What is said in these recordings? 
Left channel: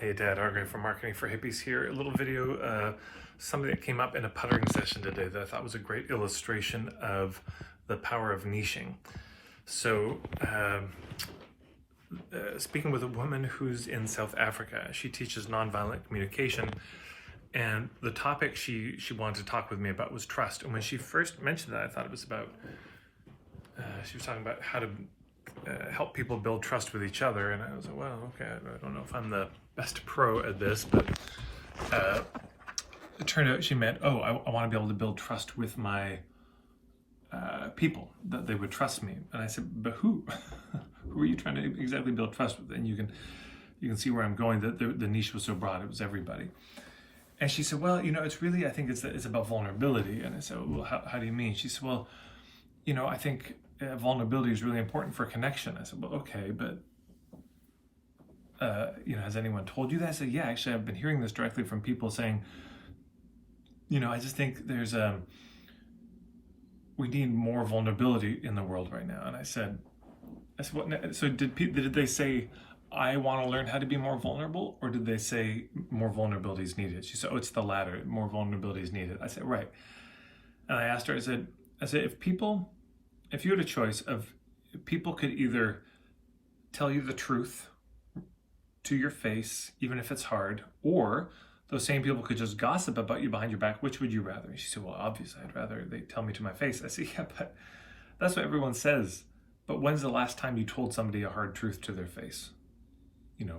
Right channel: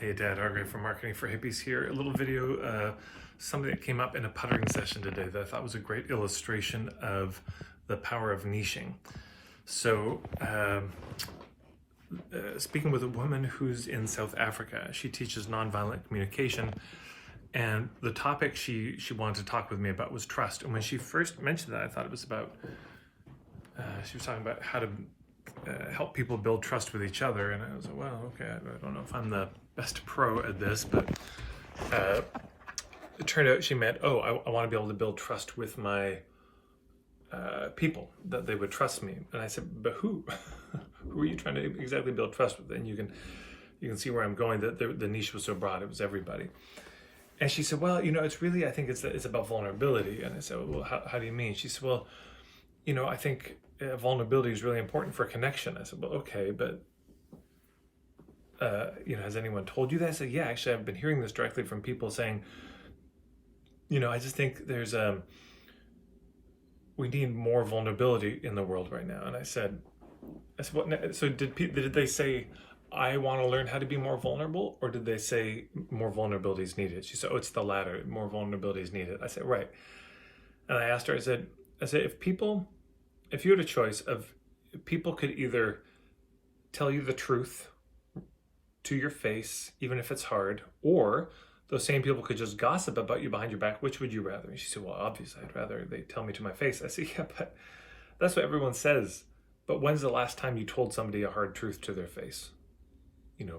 Hey Dad, Argray from Marketing for Hippies here. A little video, something that came up in a puttering session today that I thought was a great illustration of the power of niching. So, speaking with a woman who's in South Africa, she teaches nonviolent communication, and the topic she wanted to talk with me about was trust. And when she first mentioned that, I thought it was about, she was talking about how to help people build trust with each other, and I was like, well, okay, I don't know if I'm the best pro at this, but it turned out she meant, I want to be able to build trust with my people, that they would trust me. And I said, but who? Who are you trying to exactly build trust with? And you can see where I'm going, that the niche was so broad, it was everybody. And she said, well, it's really, I think it's about vulnerability. And I said, well, how do you mean? She said, well, I think vulnerability is really important for connection. I said, well, okay, but has anyone told you that? I said, yeah, actually, I've been hearing this directly from people saying, I just think we need more vulnerability in the world right now. And I said, what? So did they say, I want to learn how to be more vulnerable, or did they say more vulnerability is needed? She said, it's the latter, more vulnerability is needed. I said, right. And I asked her, I said, if you had a choice of, people could either tell you the truth to your face, even if it's hard, or those same people could just gossip about you behind your back, which would you rather? And she said, well, obviously I'd rather they tell me to my face. I said, yeah, but that's what everyone says. But when's the last time you told somebody a hard truth to their face?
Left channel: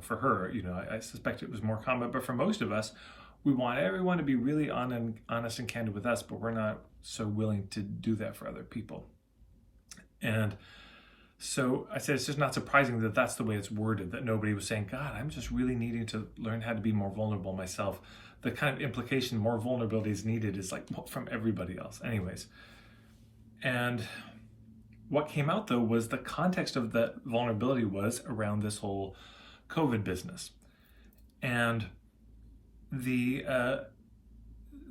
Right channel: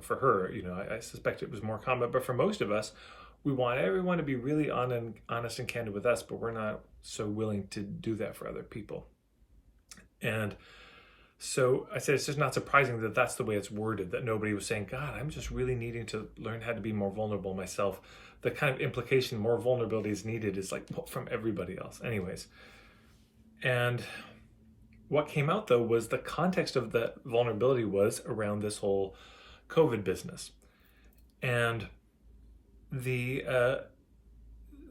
For her, I suspect it was more common, but for most of us, we want everyone to be really honest and candid with us, but we're not so willing to do that for other people. And so I said, it's just not surprising that that's the way it's worded, that nobody was saying, God, I'm just really needing to learn how to be more vulnerable myself. The kind of implication more vulnerability is needed is like from everybody else. Anyways. And what came out though was the context of that vulnerability was around this whole COVID business. And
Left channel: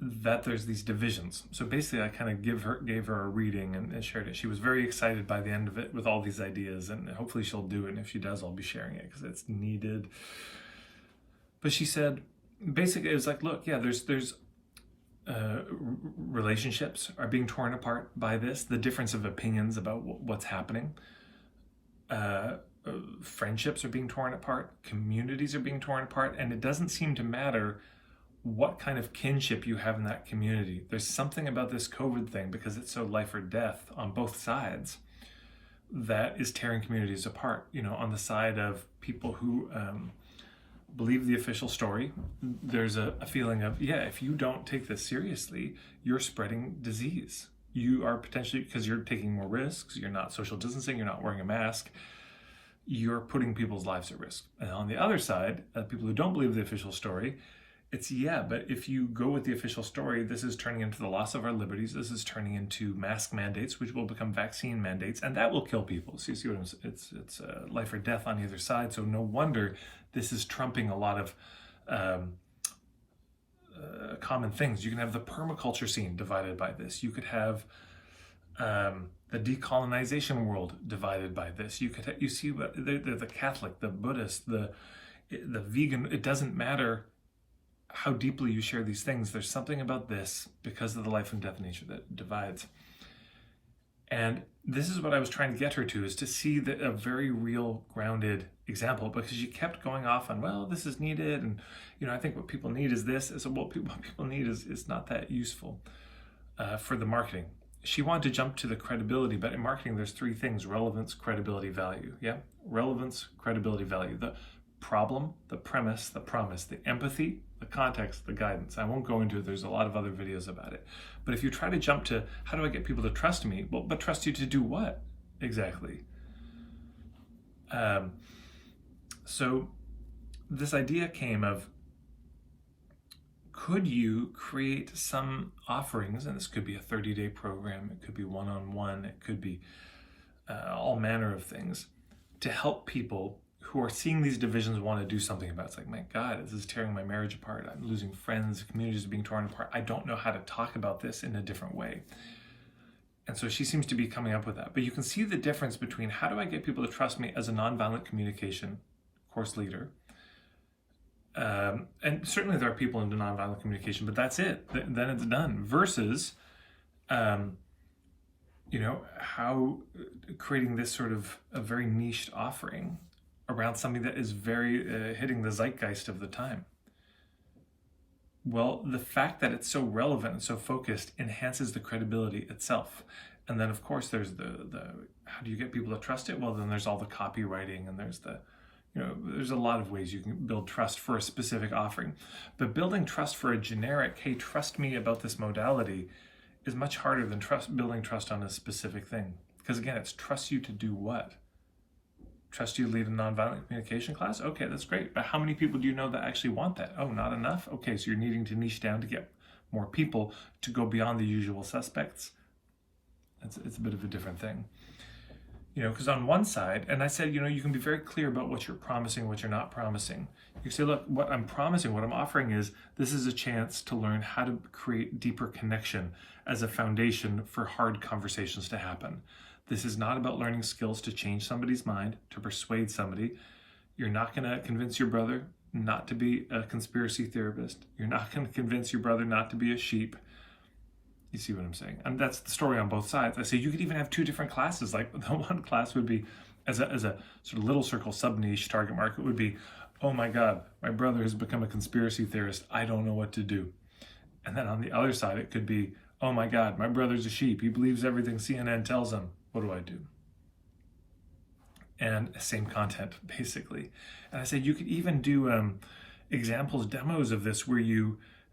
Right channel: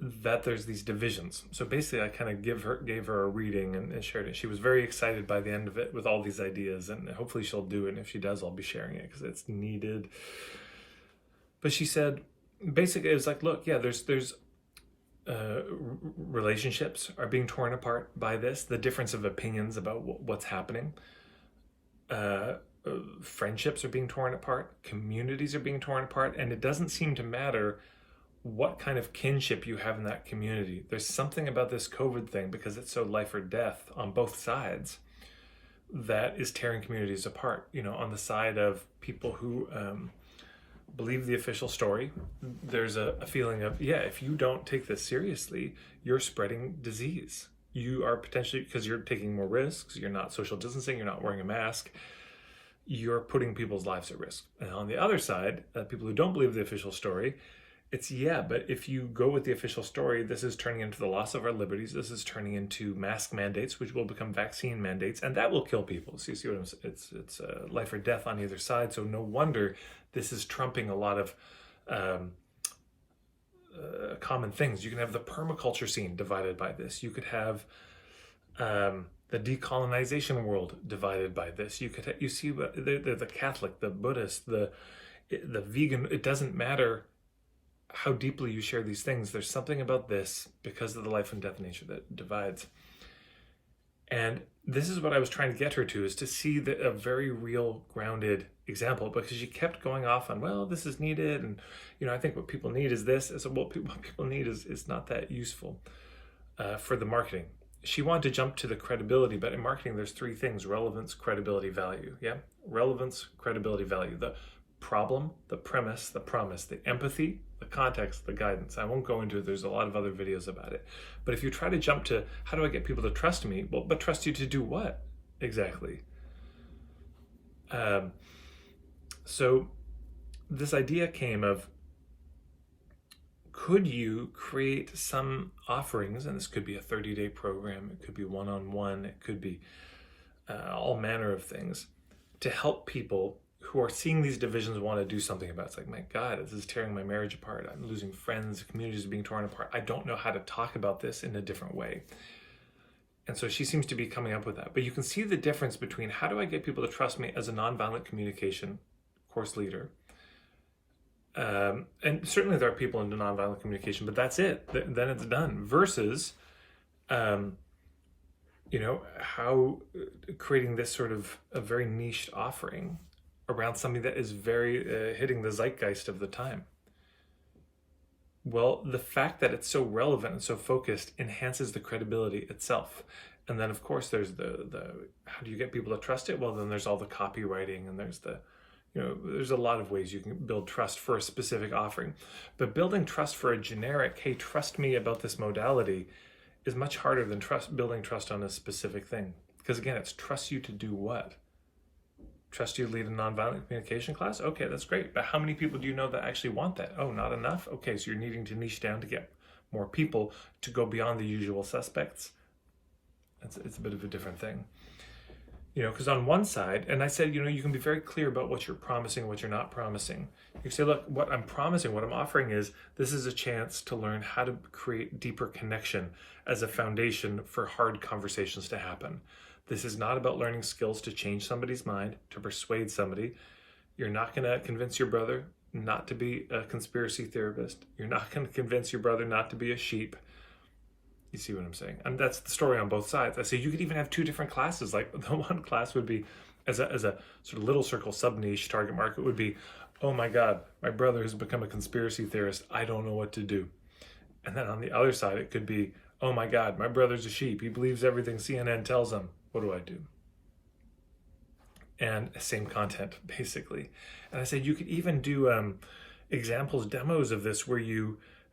that there's these divisions. So basically I kind of gave her a reading and shared it. She was very excited by the end of it with all these ideas, and hopefully she'll do it. And if she does, I'll be sharing it because it's needed. But she said, basically it was like, look, yeah, there's relationships are being torn apart by this, the difference of opinions about what's happening. Friendships are being torn apart, communities are being torn apart, and it doesn't seem to matter what kind of kinship you have in that community. There's something about this COVID thing, because it's so life or death on both sides, that is tearing communities apart. On the side of people who believe the official story, there's a feeling of, if you don't take this seriously, you're spreading disease. You are potentially, because you're taking more risks, you're not social distancing, you're not wearing a mask, you're putting people's lives at risk. And on the other side, people who don't believe the official story, it's, but if you go with the official story, this is turning into the loss of our liberties. This is turning into mask mandates, which will become vaccine mandates, and that will kill people. So you see what I'm saying? It's life or death on either side. So no wonder this is trumping a lot of common things. You can have the permaculture scene divided by this. You could have the decolonization world divided by this. You see the Catholic, the Buddhist, the vegan. It doesn't matter how deeply you share these things. There's something about this, because of the life and death nature, that divides. And this is what I was trying to get her to, is to see a very real, grounded example, because she kept going off on, well, this is needed, and I think what people need is this. So what people need is not that useful for the marketing. She wanted to jump to the credibility, but in marketing there's three things: relevance, credibility, value. Relevance, credibility, value. The problem, the premise, the promise, the empathy, the context, the guidance. I won't go into it. There's a lot of other videos about it. But if you try to jump to, how do I get people to trust me? Well, but trust you to do what exactly? So this idea came of, could you create some offerings, and this could be a 30-day program, it could be one-on-one, it could be all manner of things, to help people who are seeing these divisions want to do something about it. It's like, my God, this is tearing my marriage apart. I'm losing friends, communities are being torn apart. I don't know how to talk about this in a different way. And so she seems to be coming up with that. But you can see the difference between, how do I get people to trust me as a nonviolent communication course leader, And certainly there are people into nonviolent communication, but that's it. Then it's done. Versus, um, how creating this sort of a very niched offering around something that is very hitting the zeitgeist of the time. Well, the fact that it's so relevant and so focused enhances the credibility itself. And then, of course, there's the how do you get people to trust it? Well, then there's all the copywriting, and there's there's a lot of ways you can build trust for a specific offering. But building trust for a generic, hey, trust me about this modality, is much harder than building trust on a specific thing. Because again, it's trust you to do what? Trust you to lead a nonviolent communication class? Okay, that's great. But how many people do you know that actually want that? Oh, not enough? Okay, so you're needing to niche down to get more people to go beyond the usual suspects. It's a bit of a different thing. Because on one side, and I said, you can be very clear about what you're promising, what you're not promising. You can say, look, what I'm promising, what I'm offering is, this is a chance to learn how to create deeper connection as a foundation for hard conversations to happen. This is not about learning skills to change somebody's mind, to persuade somebody. You're not going to convince your brother not to be a conspiracy theorist. You're not going to convince your brother not to be a sheep. You see what I'm saying? And that's the story on both sides. I say you could even have two different classes. Like the one class would be, as a sort of little circle sub-niche target market would be, oh my God, my brother has become a conspiracy theorist. I don't know what to do. And then on the other side, it could be, oh my God, my brother's a sheep. He believes everything CNN tells him. What do I do? And same content, basically. And I said you could even do examples, demos of this where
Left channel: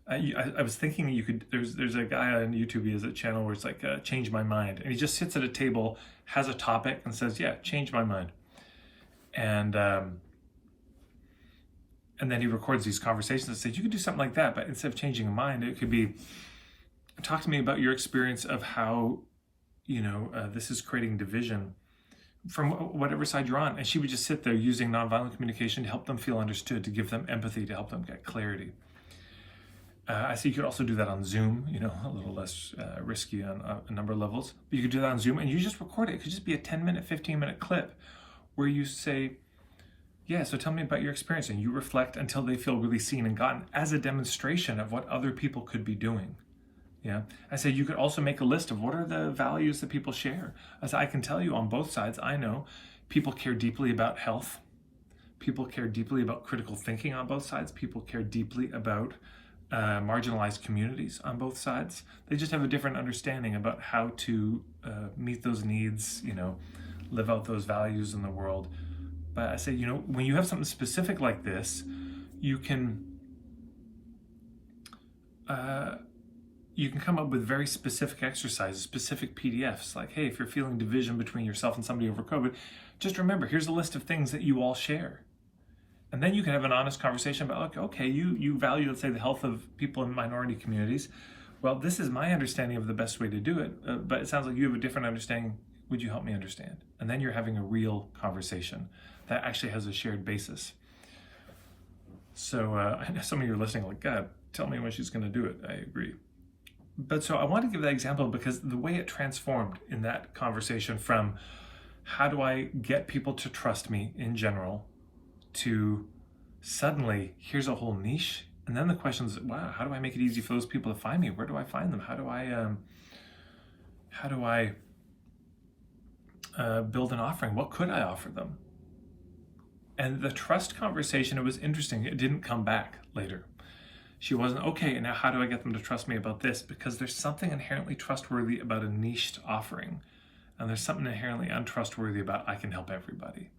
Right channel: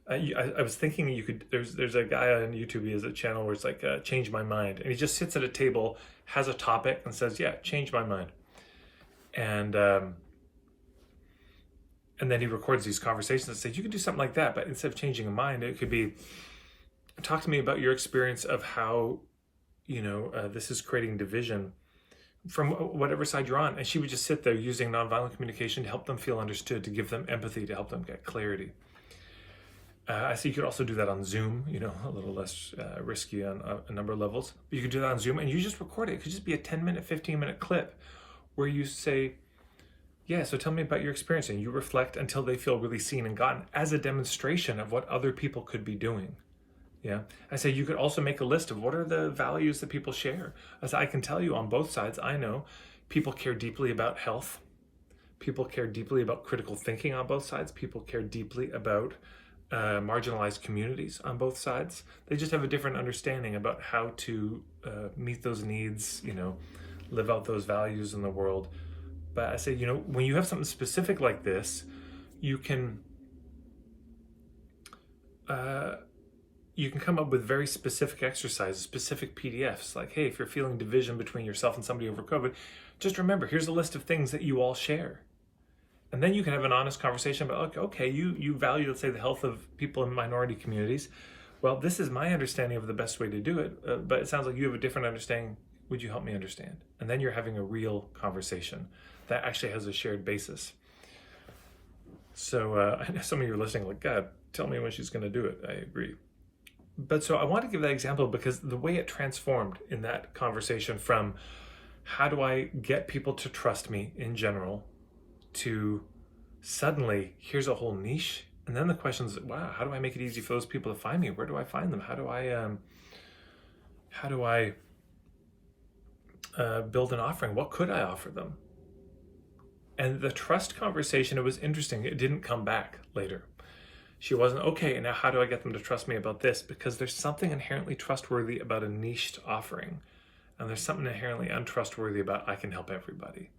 I was thinking you could, there's a guy on YouTube, he has a channel where it's like, change my mind. And he just sits at a table, has a topic and says, yeah, change my mind. And then he records these conversations and says, you could do something like that, but instead of changing a mind, it could be, talk to me about your experience of how, this is creating division from whatever side you're on. And she would just sit there using nonviolent communication to help them feel understood, to give them empathy, to help them get clarity. I see you could also do that on Zoom, a little less risky on a number of levels. But you could do that on Zoom and you just record it. It could just be a 10-minute, 15-minute clip where you say, yeah, so tell me about your experience. And you reflect until they feel really seen and gotten as a demonstration of what other people could be doing. Yeah. I say you could also make a list of what are the values that people share. As I can tell you on both sides, I know people care deeply about health. People care deeply about critical thinking on both sides. People care deeply about marginalized communities on both sides. They just have a different understanding about how to meet those needs, live out those values in the world. But I say, when you have something specific like this, you can come up with very specific exercises, specific PDFs, like, hey, if you're feeling division between yourself and somebody over COVID, just remember, here's a list of things that you all share. And then you can have an honest conversation about, okay, you value, let's say, the health of people in minority communities. Well, this is my understanding of the best way to do it, but it sounds like you have a different understanding. Would you help me understand? And then you're having a real conversation that actually has a shared basis. So I know some of you are listening like, God, tell me when she's going to do it. I agree. But so I want to give that example because the way it transformed in that conversation from how do I get people to trust me in general to suddenly here's a whole niche. And then the question is, wow, how do I make it easy for those people to find me? Where do I find them? How do I build an offering? What could I offer them? And the trust conversation, it was interesting. It didn't come back later. She wasn't, okay, now how do I get them to trust me about this? Because there's something inherently trustworthy about a niched offering. And there's something inherently untrustworthy about I can help everybody.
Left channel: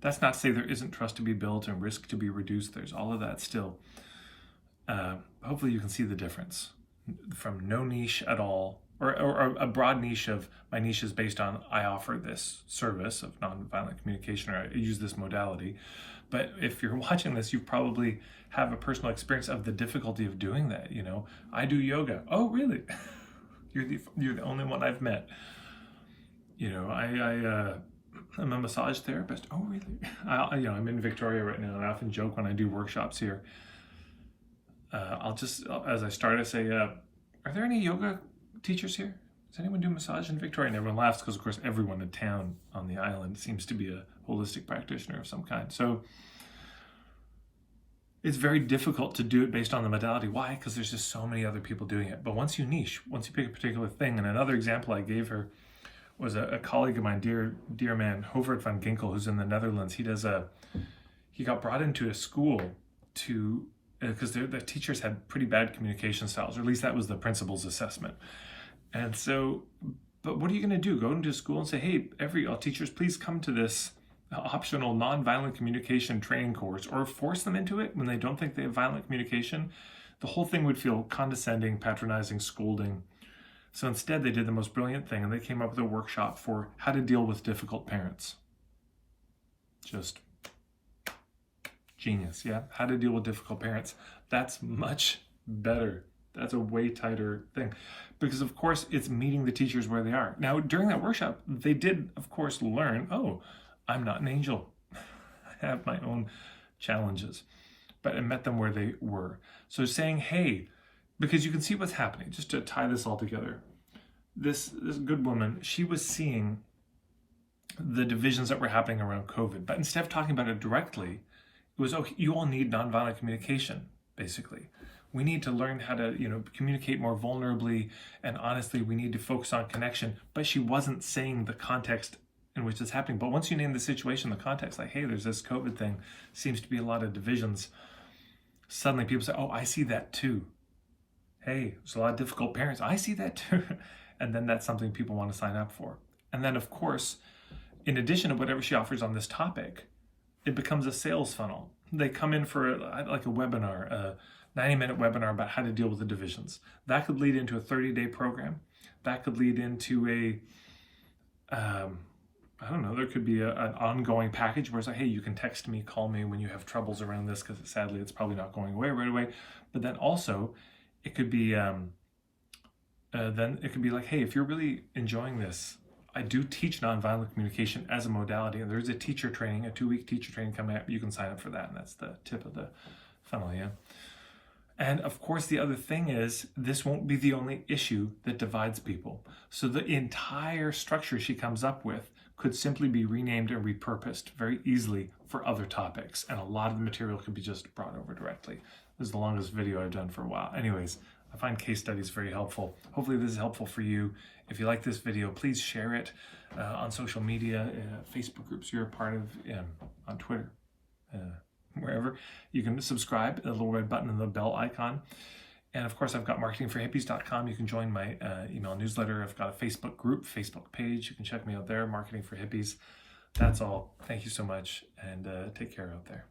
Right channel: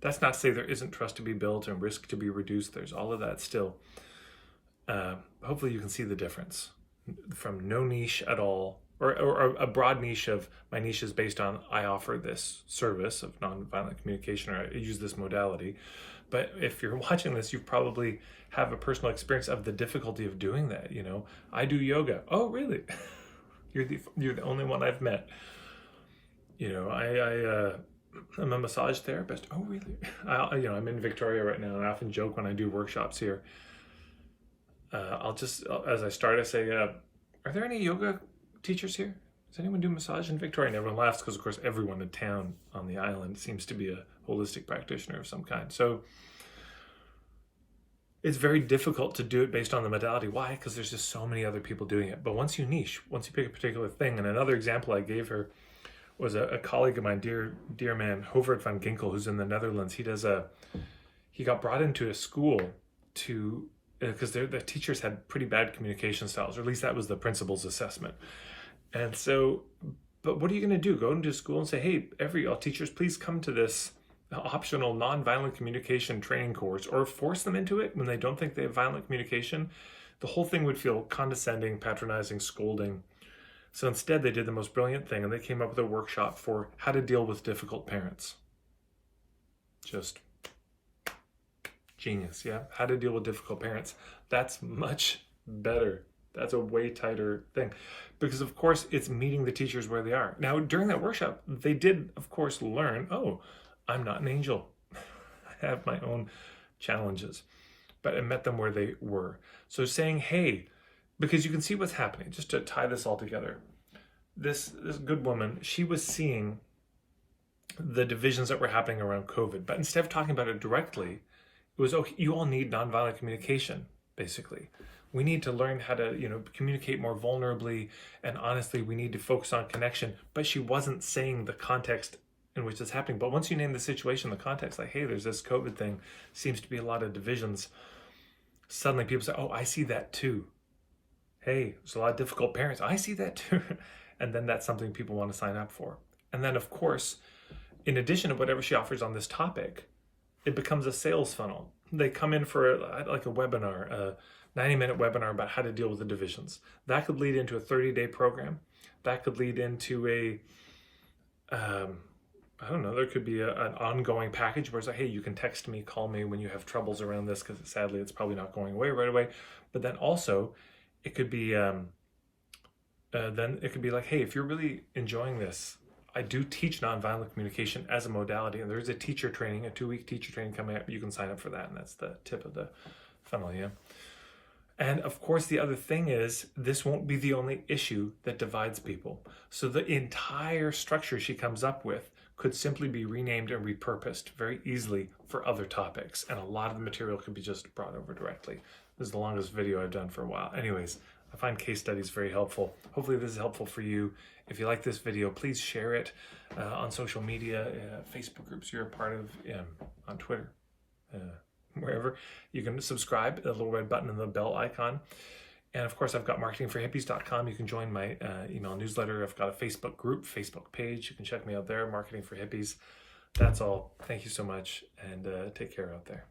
That's not to say there isn't trust to be built and risk to be reduced. There's all of that still. Hopefully you can see the difference from no niche at all, or a broad niche of my niche is based on I offer this service of nonviolent communication or I use this modality. But if you're watching this, you probably have a personal experience of the difficulty of doing that. I do yoga. Oh, really? You're the only one I've met. I'm a massage therapist. Oh, really? I'm in Victoria right now, and I often joke when I do workshops here. As I start, I say, are there any yoga teachers here? Does anyone do massage in Victoria? And everyone laughs because, of course, everyone in town on the island seems to be a holistic practitioner of some kind. So it's very difficult to do it based on the modality. Why? Because there's just so many other people doing it. But once you niche, once you pick a particular thing, and another example I gave her was a colleague of mine, dear man, Hovert van Ginkel, who's in the Netherlands. He got brought into a school to, because the teachers had pretty bad communication styles, or at least that was the principal's assessment. And so, but what are you going to do? Go into school and say, hey, all teachers, please come to this optional nonviolent communication training course, or force them into it when they don't think they have violent communication? The whole thing would feel condescending, patronizing, scolding. So instead, they did the most brilliant thing, and they came up with a workshop for how to deal with difficult parents. Just genius, yeah? How to deal with difficult parents. That's much better. That's a way tighter thing. Because, of course, it's meeting the teachers where they are. Now, during that workshop, they did, of course, learn, oh, I'm not an angel. I have my own challenges. But I met them where they were. So saying, hey, because you can see what's happening, just to tie this all together. This good woman, she was seeing the divisions that were happening around COVID. But instead of talking about it directly, it was, oh, you all need nonviolent communication, basically. We need to learn how to, communicate more vulnerably and honestly. We need to focus on connection. But she wasn't saying the context in which it's happening. But once you name the situation, the context, like, hey, there's this COVID thing, seems to be a lot of divisions. Suddenly people say, oh, I see that too. Hey, there's a lot of difficult parents. I see that too. And then that's something people want to sign up for. And then, of course, in addition to whatever she offers on this topic, it becomes a sales funnel. They come in for like a webinar, a 90-minute webinar about how to deal with the divisions. That could lead into a 30-day program. That could lead into I don't know, there could be an ongoing package where it's like, hey, you can text me, call me when you have troubles around this, because sadly it's probably not going away right away. But then also it could be like, hey, if you're really enjoying this, I do teach nonviolent communication as a modality, and there's a teacher training, a 2-week teacher training coming up. You can sign up for that, and that's the tip of the funnel, yeah. And of course, the other thing is, this won't be the only issue that divides people. So the entire structure she comes up with could simply be renamed and repurposed very easily for other topics. And a lot of the material could be just brought over directly. This is the longest video I've done for a while. Anyways, I find case studies very helpful. Hopefully this is helpful for you. If you like this video, please share it on social media, Facebook groups you're a part of, on Twitter, wherever. You can subscribe, the little red button and the bell icon. And of course, I've got marketingforhippies.com. You can join my email newsletter. I've got a Facebook group, Facebook page. You can check me out there, Marketing for Hippies. That's all. Thank you so much, and take care out there.